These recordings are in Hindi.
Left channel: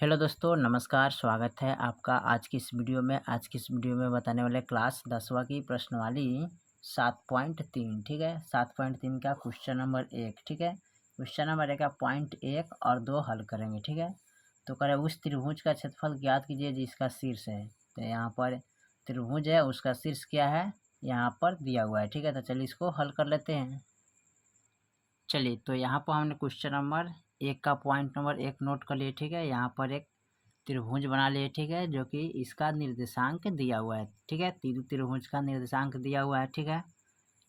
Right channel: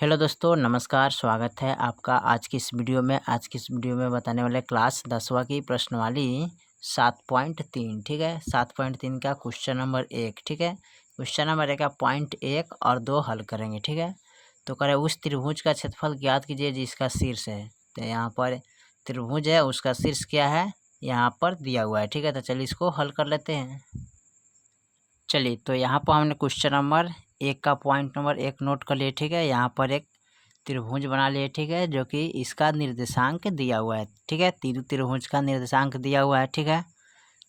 हेलो दोस्तों, नमस्कार। स्वागत है आपका आज की इस वीडियो में। बताने वाले क्लास 10वीं की प्रश्नवाली 7.3। ठीक है, 7.3 का क्वेश्चन नंबर 1। ठीक है, क्वेश्चन नंबर 1 का पॉइंट 1 और 2 हल करेंगे। ठीक है, तो करें उस त्रिभुज का क्षेत्रफल ज्ञात कीजिए जिसका शीर्ष है। तो यहाँ पर त्रिभुज है, उसका शीर्ष क्या है यहाँ पर दिया हुआ है। ठीक है, तो चलिए इसको हल कर लेते हैं। चलिए, तो यहाँ पर हमने क्वेश्चन नंबर 1 का पॉइंट नंबर 1 नोट कर लिए। ठीक है, यहाँ पर एक त्रिभुज बना लिए। ठीक है, जो कि इसका निर्देशांक दिया हुआ है। ठीक है, तीनों त्रिभुज का निर्देशांक दिया हुआ है। ठीक है,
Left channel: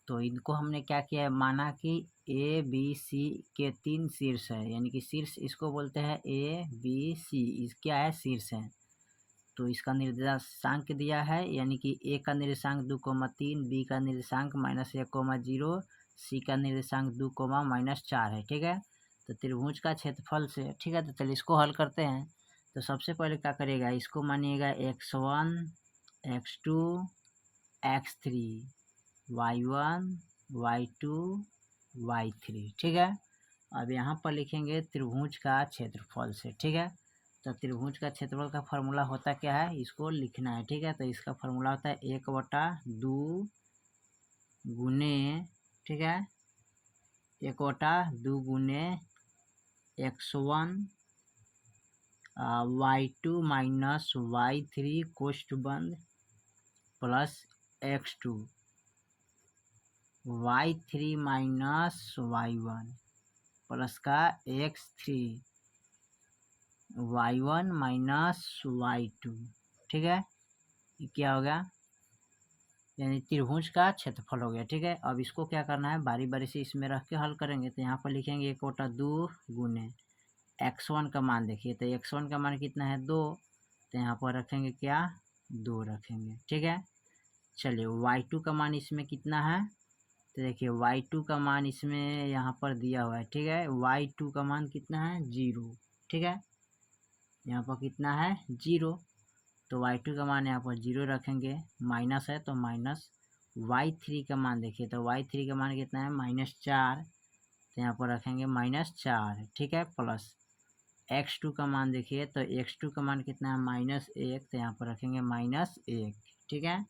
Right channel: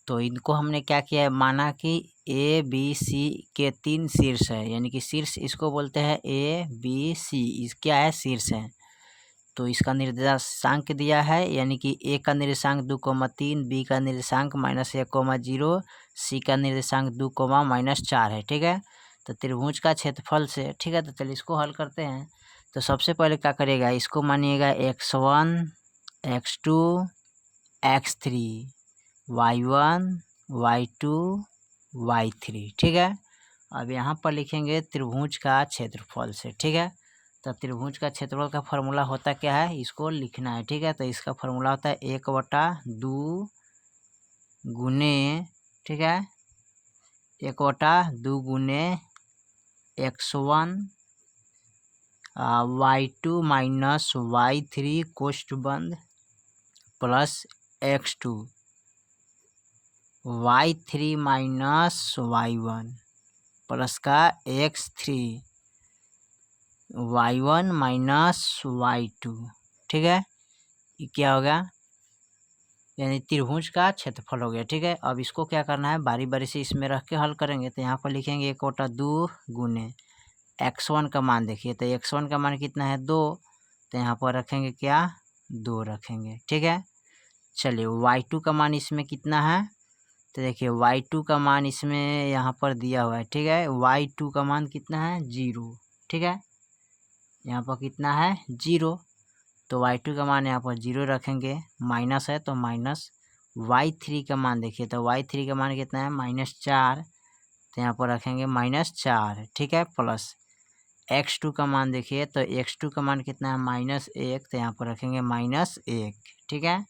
तो इनको हमने क्या किया है, माना कि ए बी सी के 3 शीर्ष है, यानी कि शीर्ष इसको बोलते हैं ए बी सी। इस क्या है, शीर्ष है। तो इसका निर्देशांक दिया है, यानी कि ए का निर्देशांक 2,3, बी का निर्देशांक -1,0, सी का निर्देशांक 2, -4 है। ठीक है, तो त्रिभुज का क्षेत्रफल से, ठीक है, तो चलिए इसको हल करते हैं। तो सबसे पहले क्या करेगा, इसको मानिएगा x1, x2, x3, y1, y2, y3। ठीक है, अब यहाँ पर लिखेंगे त्रिभुज का क्षेत्रफल से। ठीक है, तो त्रिभुज का क्षेत्रफल का फॉर्मूला होता क्या है, इसको लिखना है। ठीक है, तो इसका फॉर्मूला होता है 1/2 गुने, ठीक है, 1/2 गुने x1 y2 माइनस y3 कोष्ठ बंद plus x2 y3 minus y1 plus का x3 y1 माइनस y2। ठीक है, ये क्या होगा, यानी त्रिभुज का क्षेत्रफल हो गया। ठीक है, अब इसको क्या करना है, बारी बारी से इसमें रख के हल करेंगे। तो यहाँ पर लिखेंगे 1/2 गुने x1 का मान देखिए, तो x1 का मान कितना है 2, तो यहाँ पर रखेंगे क्या 2 रखेंगे। ठीक है, चलिए y2 का मान इसमें कितना है, तो देखिए y2 का मान इसमें यहाँ पर दिया हुआ है। ठीक है, y2 का मान कितना है 0। ठीक है, यहाँ पर कितना है 0, तो y2 का मान यहाँ पर 0 रखेंगे, माइनस है तो माइनस। y3 का मान देखिए, तो y3 का मान कितना है -4, तो यहाँ पर रखेंगे -4। ठीक है, प्लस x2 का मान देखिए, तो x2 का मान कितना है -1, तो यहाँ पर रखेंगे -1। ठीक है,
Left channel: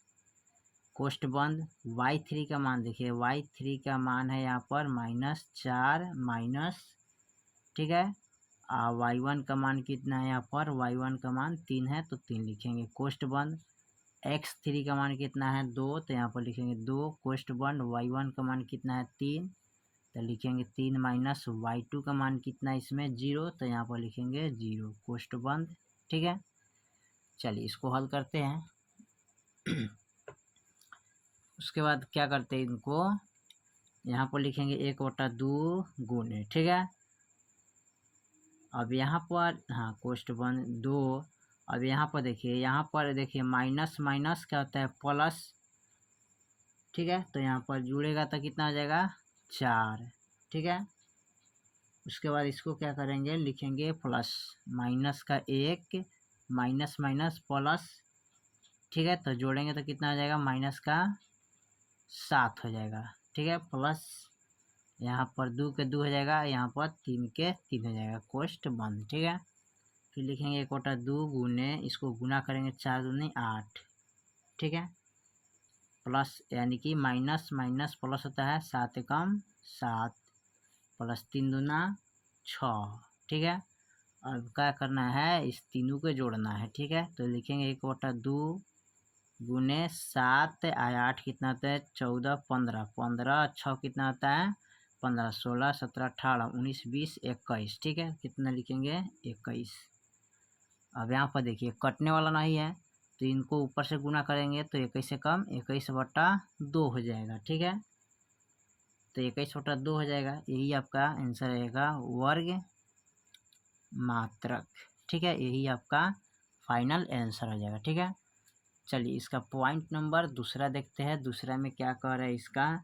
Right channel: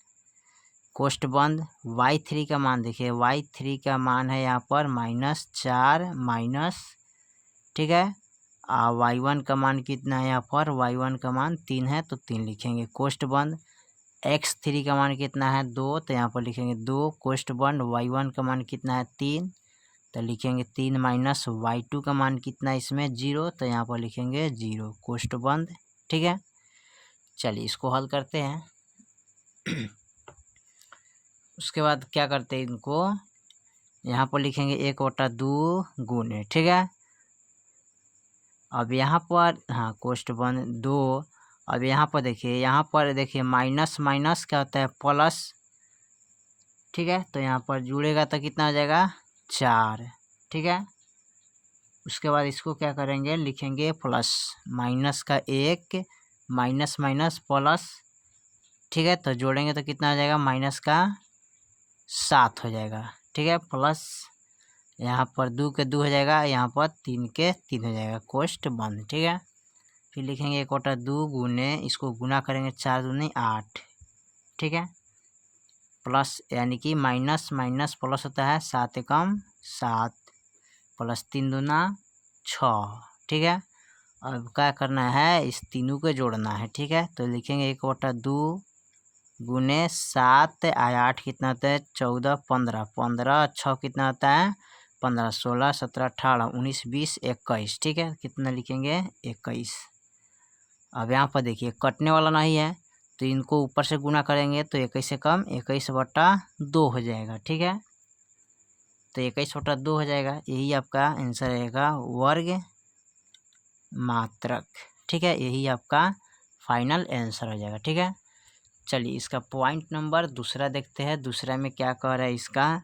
कोष्ठ बंद। y3 का मान देखिए, y3 का मान है यहाँ पर -4 माइनस, ठीक है, y1 का मान कितना है, यहाँ पर y1 का मान 3 है तो 3 लिखेंगे, कोष्ठ बंद। x3 का मान कितना है 2, तो यहाँ पर लिखेंगे 2 कोष्ठ बंद। y1 का मान कितना है 3, तो लिखेंगे 3 माइनस y2 का मान कितना है इसमें 0, तो यहाँ पर लिखेंगे 0 कोष्ठ बंद। ठीक है, चलिए इसको हल करते हैं। उसके बाद क्या करते हैं, इनको यहाँ पर लिखेंगे 1/2 गुने। ठीक है, अब यहाँ पर हाँ कोष्ठ बंद 2। अब यहाँ पर देखिए माइनस माइनस क्या होता है प्लस। ठीक है, तो यहाँ पर जुड़ेगा तो कितना हो जाएगा 4। ठीक है, उसके बाद इसको क्या करेंगे, लिखेंगे प्लस, माइनस का 1 माइनस माइनस प्लस। ठीक है, तो जोड़ेंगे तो कितना हो जाएगा -7 हो जाएगा। ठीक है, प्लस यहाँ पर 2 के 2 हो जाएगा, यहाँ पर 3 के 3 हो जाएगा, कोष्ठ बंद। ठीक है, फिर लिखेंगे 1/2 गुने, इसको गुना करेंगे 4 दूनी 8। ठीक है, प्लस यानी कि माइनस माइनस प्लस होता है, 7 एकम 7 प्लस 3 दूना 6। ठीक है, अब क्या करना है, इस तीनों को जोड़ना है। ठीक है, तो लिखेंगे 1/2 गुने 7 8 कितना होता है 14 15 15 6 कितना होता है 15 16 17 18 19 20 21। ठीक है, कितना लिखेंगे 21। अब यहाँ पर देखिए कटने वाला नहीं है, तो इनको ऊपर से गुना करेंगे तो 21 से कम 21/2 हो जाएगा। ठीक है, तो 21/2 हो जाएगा, यही आपका आंसर रहेगा वर्ग मात्रक। ठीक है, यही आपका फाइनल आंसर हो जाएगा। ठीक है, चलिए इसका पॉइंट नंबर दूसरा देखते हैं। दूसरा में क्या कह रहा है, इसका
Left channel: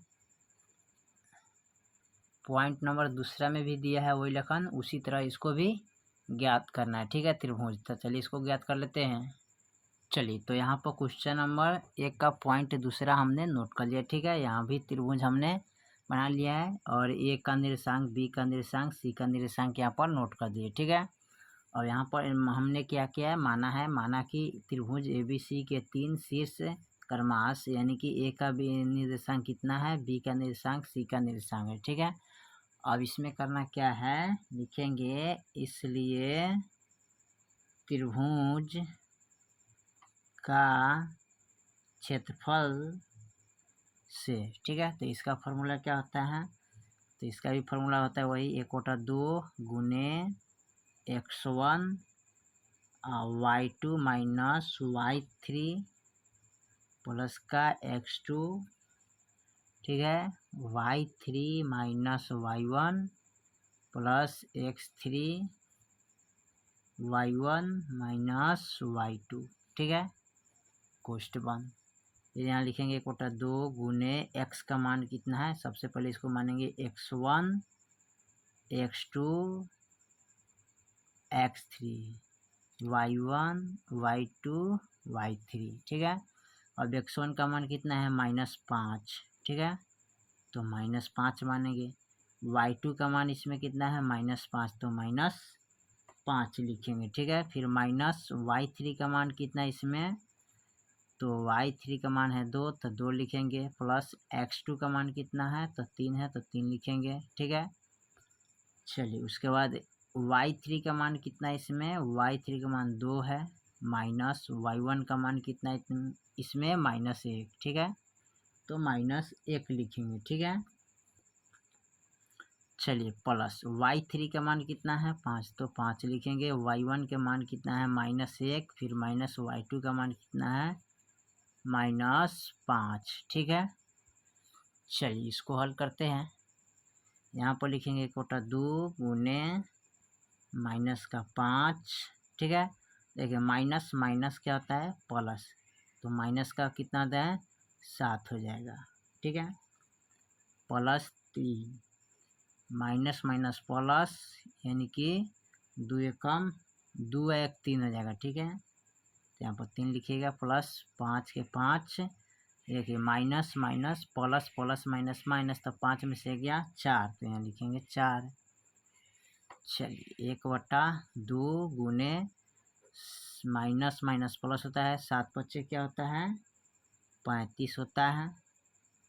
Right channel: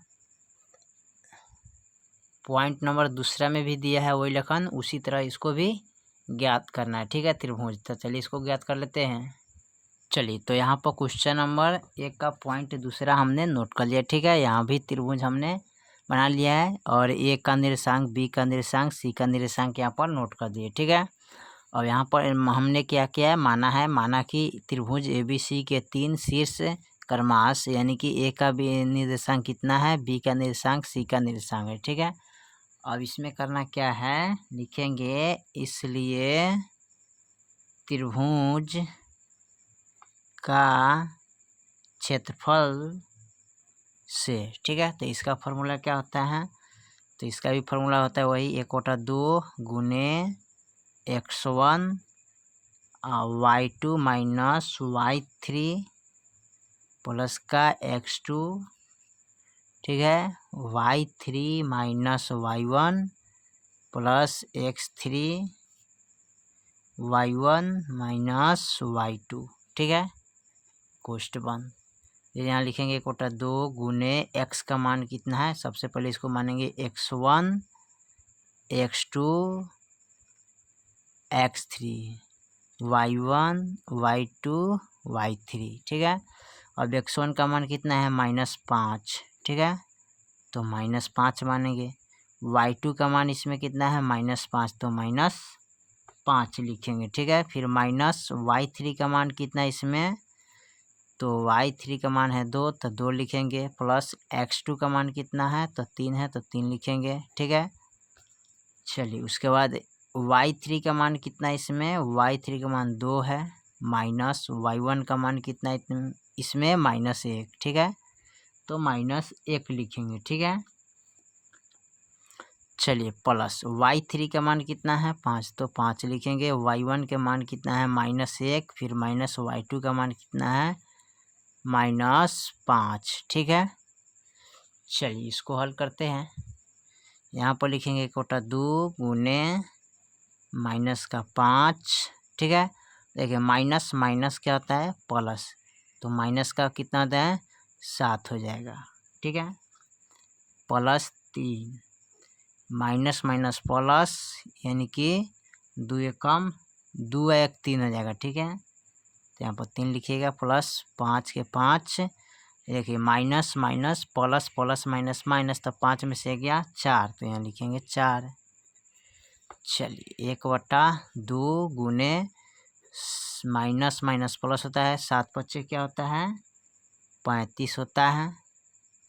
पॉइंट नंबर दूसरा में भी दिया है वही लेखन, उसी तरह इसको भी ज्ञात करना है। ठीक है, त्रिभुज, तो चलिए इसको ज्ञात कर लेते हैं। चलिए, तो यहाँ पर क्वेश्चन नंबर 1 का पॉइंट दूसरा हमने नोट कर लिया। ठीक है, यहाँ भी त्रिभुज हमने बना लिया है और ए का निर्देशांक, बी का निर्देशांक, सी का निर्देशांक यहाँ पर नोट कर दिए। ठीक है, और यहाँ पर हमने क्या किया है, माना कि त्रिभुज ABC के 3 शीर्ष क्रमांश, यानी कि ए का भी निर्देशांक कितना है, बी का निर्देशांक, सी का निर्देशांक है। ठीक है, अब इसमें करना क्या है, लिखेंगे इसलिए त्रिभुज का क्षेत्रफल से। ठीक है, तो इसका फॉर्मूला क्या होता है, तो इसका भी फॉर्मूला होता है वही 1/2 गुने x1 y2 minus y3 plus का x2। ठीक है, y3 minus y1 plus x3 y1 minus y2। ठीक है, कोष्ट बंद। यहाँ लिखेंगे 1/2 गुने x का मान कितना है, सबसे पहले इसको मानेंगे x1 x2 x3 y1 y2 y3। ठीक है, अब x1 का मान कितना है, -5। ठीक है, तो -5 मानेंगे। y2 का मान इसमें कितना है, -5, तो -5 लिखेंगे। ठीक है, फिर माइनस y3 का मान कितना है इसमें, तो y3 का मान है 2, तो 2 लिखेंगे। प्लस x2 का मान कितना है, तो 3 है, तो 3 लिखेंगे। ठीक है, चलिए उसके बाद y3 का मान कितना है इसमें, y3 का मान 2 है, माइनस y1 का मान कितना है इसमें, -1। ठीक है, तो -1 लिखेंगे। ठीक है, चलिए प्लस y3 का मान कितना है, 5, तो 5 लिखेंगे। y1 के मान कितना है, -1, फिर माइनस y2 का मान कितना है, -5। ठीक है, चलिए इसको हल करते हैं। यहाँ पर लिखेंगे 1/2 गुने -5। ठीक है, देखिए माइनस माइनस क्या होता है, प्लस, तो माइनस का कितना होता है, 7 हो जाएगा। ठीक है, प्लस 3 माइनस माइनस प्लस, यानी कि 2 कम 2 1 3 हो जाएगा। ठीक है, तो यहाँ पर 3 लिखिएगा, प्लस 5 के 5, देखिए minus minus plus plus minus minus, तो 5 में से गया 4, तो यहाँ लिखेंगे 4। चलिए 1/2 गुने माइनस माइनस प्लस होता है, 7 बच्चे क्या होता है, 35 होता है,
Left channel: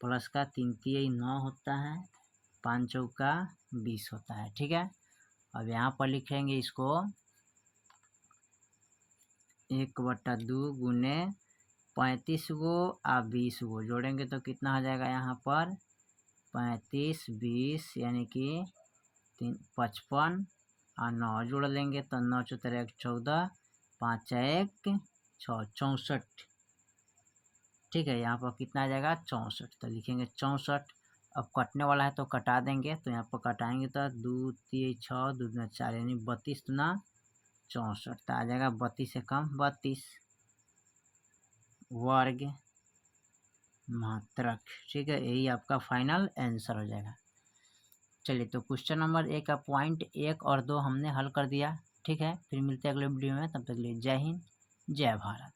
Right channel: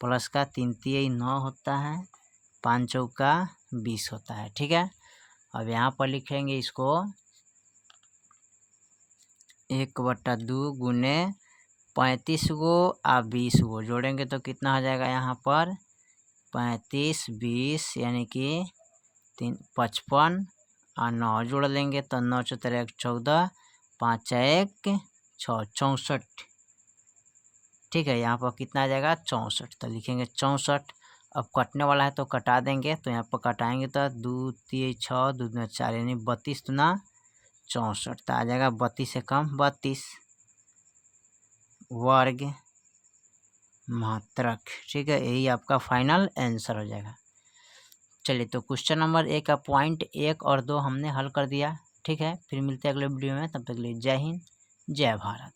प्लस का 3 3 9 होता है, 5 चौका 20 होता है। ठीक है, अब यहाँ पर लिखेंगे इसको 1/2 गुने 35 गो और 20 गो जोड़ेंगे तो कितना हो जाएगा, यहाँ पर 35 20, यानी कि 55 और 9 जोड़ लेंगे तो 9 4 1 14, 5 1 6 64। ठीक है, यहाँ पर कितना आ जाएगा, 64, तो लिखेंगे 64। अब कटने वाला है तो कटा देंगे, तो यहाँ पर कटाएंगे तो 2 3 6 2 2 4, यानी 32 दूना 64, तो आ जाएगा 32 से कम 32 वर्ग मात्रक। ठीक है, यही आपका फाइनल आंसर हो जाएगा। चलिए, तो क्वेश्चन नंबर 1 का पॉइंट 1 और 2 हमने हल कर दिया। ठीक है, फिर मिलते हैं अगले वीडियो में, तब तक के लिए जय हिंद जय भारत।